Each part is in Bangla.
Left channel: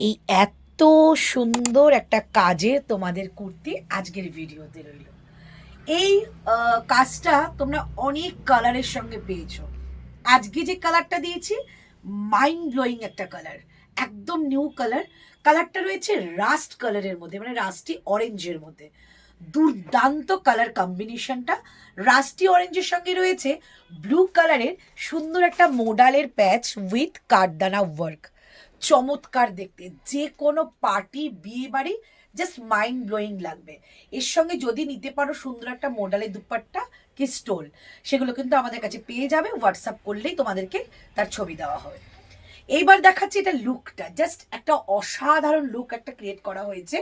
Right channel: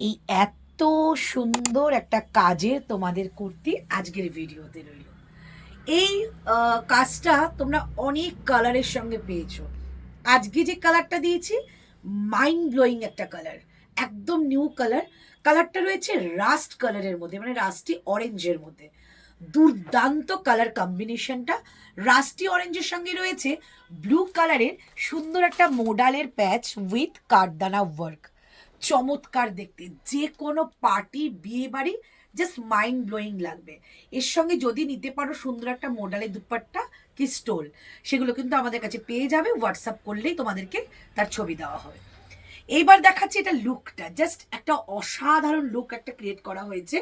এই এত সুন্দর একটা কাজে তোমাদের কুর্তি আজকের ভিডিওতে রইল। এই কাজটা তোমরা অনেক কালারের সঙ্গে পেয়েছো। আজকে যে কালারটা দিয়েছি মাইন্ড ব্লোয়িং একটা কালার, একদম নিউ কালার। কালারটা রয়েছে রাস্ট কালারের মধ্যে, মানে রাস্টি অরেঞ্জের মধ্যে। দুর্দান্ত কালার কম্বিনেশনটা। রাস্টি অরেঞ্জের সঙ্গে রয়েছে ব্লু কালারের সুন্দর একটা মোডালের প্যাচ উইথ কাঠদানা ওয়ার্ক। চমৎকার দেখতে, যে কোনো পার্টি, বিয়ে বাড়ি জাস্ট মাইন্ড ব্লোয়িং লাগবে। এর সঙ্গে যদি নিতে পারো সুন্দর একটা মোডালের দুপাট্টা কি স্টোল, সেগুলো কিন্তু আমাদের কাছে পেয়ে যাবে। হোয়াটসঅ্যাপ করলেই তোমাদেরকে তার ছবি দেওয়া হবে। এইবার দেখাচ্ছি এটা লুকটা, জাস্ট একটা অসাধারণ লুক একটা ক্রিয়েট করা হয়েছে।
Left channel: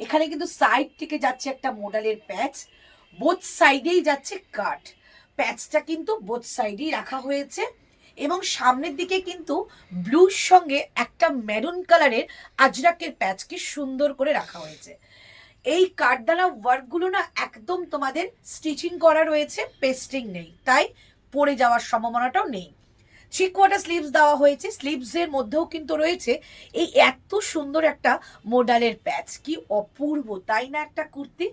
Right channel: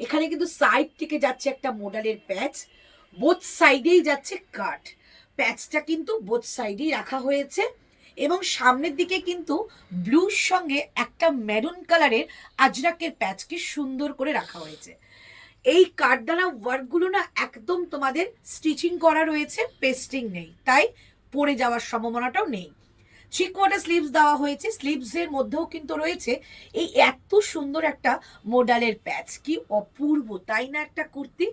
এখানে কিন্তু সাইড থেকে যাচ্ছে একটা মোডালের প্যাচ, বোথ সাইডেই যাচ্ছে কাট। প্যাচটা কিন্তু বোথ সাইডেই রাখা হয়েছে এবং সামনের দিকে কিন্তু ব্লুর সঙ্গে একটা মেরুন কালারের আজরাকের প্যাচকে সুন্দর করে রাখা হয়েছে। এই কাঠদানা ওয়ার্কগুলো না একদম তোমাদের স্টিচিং করা রয়েছে, পেস্টিং নেই, তাই পড়ে যাওয়ার সম্ভাবনাটাও নেই। থ্রি কোয়ার্টার স্লিভস দেওয়া হয়েছে, স্লিভসের মধ্যেও কিন্তু রয়েছে এই এত সুন্দর একটা মোডালের প্যাচ। কি অপূর্ব তাই না একটা কুর্তি!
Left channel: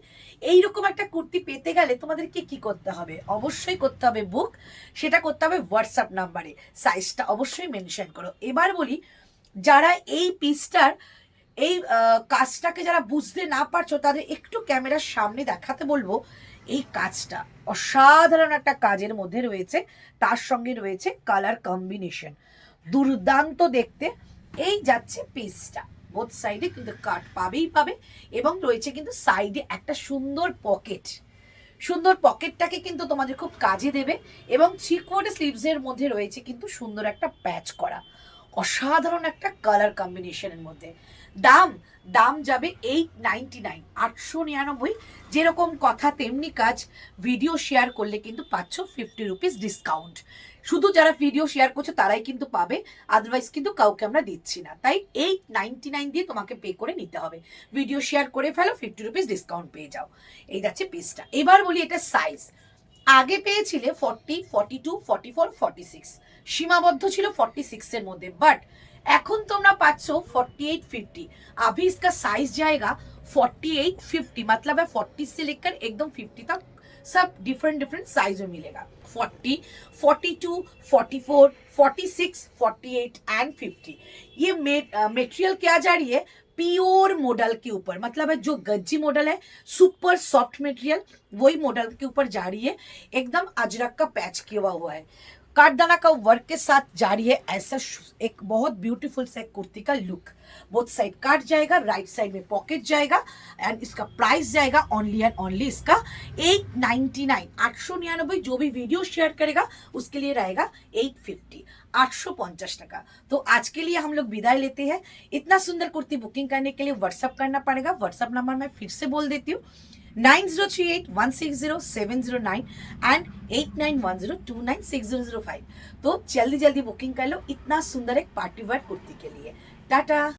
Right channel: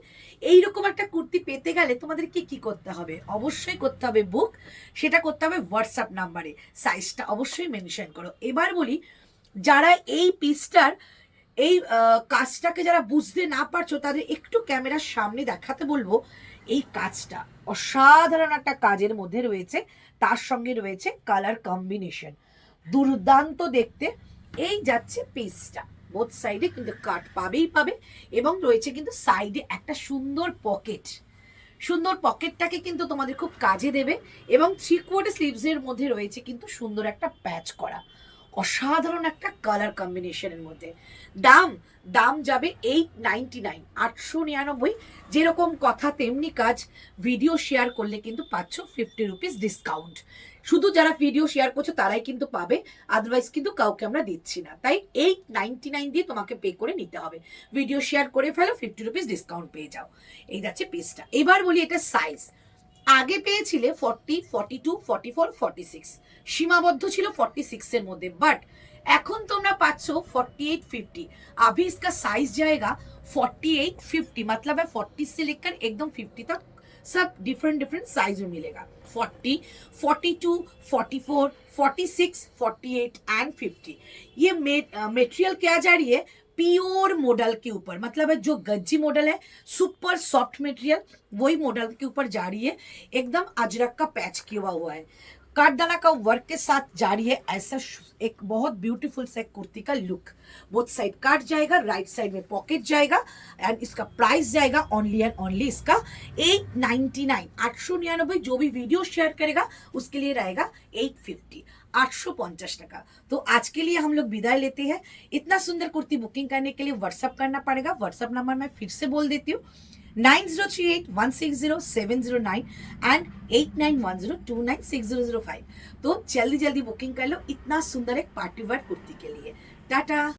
এইরকম একটা কুর্তি পেতে গেলে তোমাদেরকে কি করতে হবে? অবশ্যই করতে হবে বুক, সেটা করতে হবে হোয়াটসঅ্যাপ নাম্বারে। সাইজটা অবশ্যই মেনশন করো। এবার বলি, যারা এই পিসটার এই কাজটাকে যারা বুঝতে না পারছো তাদের একটু ক্যামেরার সামনে দেখাতে বলবো। এই কাজটা অসাধারণ একটা কাজের মধ্যে রয়েছে, তার সঙ্গে রয়েছে কালার কম্বিনেশন দুর্দান্ত দেখতে। এই যাচ্ছে পিসটা, বোথ সাইডে কিন্তু কাট পাবেই পাবে এবং রয়েছে কিন্তু সাইডে একটা সুন্দর পকেট। সুন্দর পকেটটাকে কিন্তু তোমাদের খুব কাজে দেবে এবং থ্রি কোয়ার্টার স্লিভসের মধ্যে রয়েছে কিন্তু সুন্দর একটা প্যাচ করা। অসাধারণ একটা কালার কম্বিনেশনের মধ্যে। দাম দাম যাবে 899, 899। যেরকম কথা তেমনি কাজ। ভিডিও শেয়ার করলে কিন্তু পাচ্ছ 50 রুপিস ডিসকাউন্ট। শুধু যারা ভিডিও শেয়ার করছো তারাই কিন্তু পাবে, আদারওয়াইজ কিন্তু কাউকে আমরা দিচ্ছি না। তাই 899 দিয়ে তোমাকে পে করে নিতে হবে। ভিডিও শেয়ার করে ফেলো, 50 রুপিস ডিসকাউন্ট পেয়ে যাও। এই যাচ্ছে পিসটা। এবার বলি এটা সাইজ। আগে পেয়েছিলে 40, 42, 44, 46, সীমাবদ্ধ ছিল 46 এর মধ্যে, বাট এখন তোমরা पाচ্ছ 48, 50। अभी इसका साइज जाएगा 48, 50, मतलब है 40 से लेकर एकदम 50 तक सब डिफरेंट डिफरेंट साइज में मिलेगा। 40, 42, 44, 46, 48 एंड 50। ये मेटेरियल क्या जा रही है? प्योर मॉडल के ऊपर, मतलब है जो गज्जी मॉडल है, सुपर सॉफ्ट मटेरियल, वही मॉडल के ऊपर जा रही है। एकदम अजरक का पैच किया हुआ है, काठदाना का वर्क के साथ जारी है। ऐसा एक बहुत ब्यूटीफुल से कुर्ती का लुक। बोथ साइड काट जाएगा, राइट साइड में पॉकेट जाएगा एंड इसका प्राइस जाएगा ओनली एंड ओनली इसका 899, 899। जो भी वीडियो शेयर करेगा उसके लिए रहेगा 850, 850 टका। तो आज के लिए हम लोग विदाई लेते हैं। इतना सुंदर कुर्ती बुकिंग करने के लिए व्हाट्सअप करना पड़ेगा। व्हाट्सअप नंबर मैं फिर से बोल देती हूँ, 9038160709 एंड 8910296005। तो जल्दी जल्दी बुकिंग कर लो इतना सुंदर एक पार्टी वेयर कुर्ती के लिए। टाटा।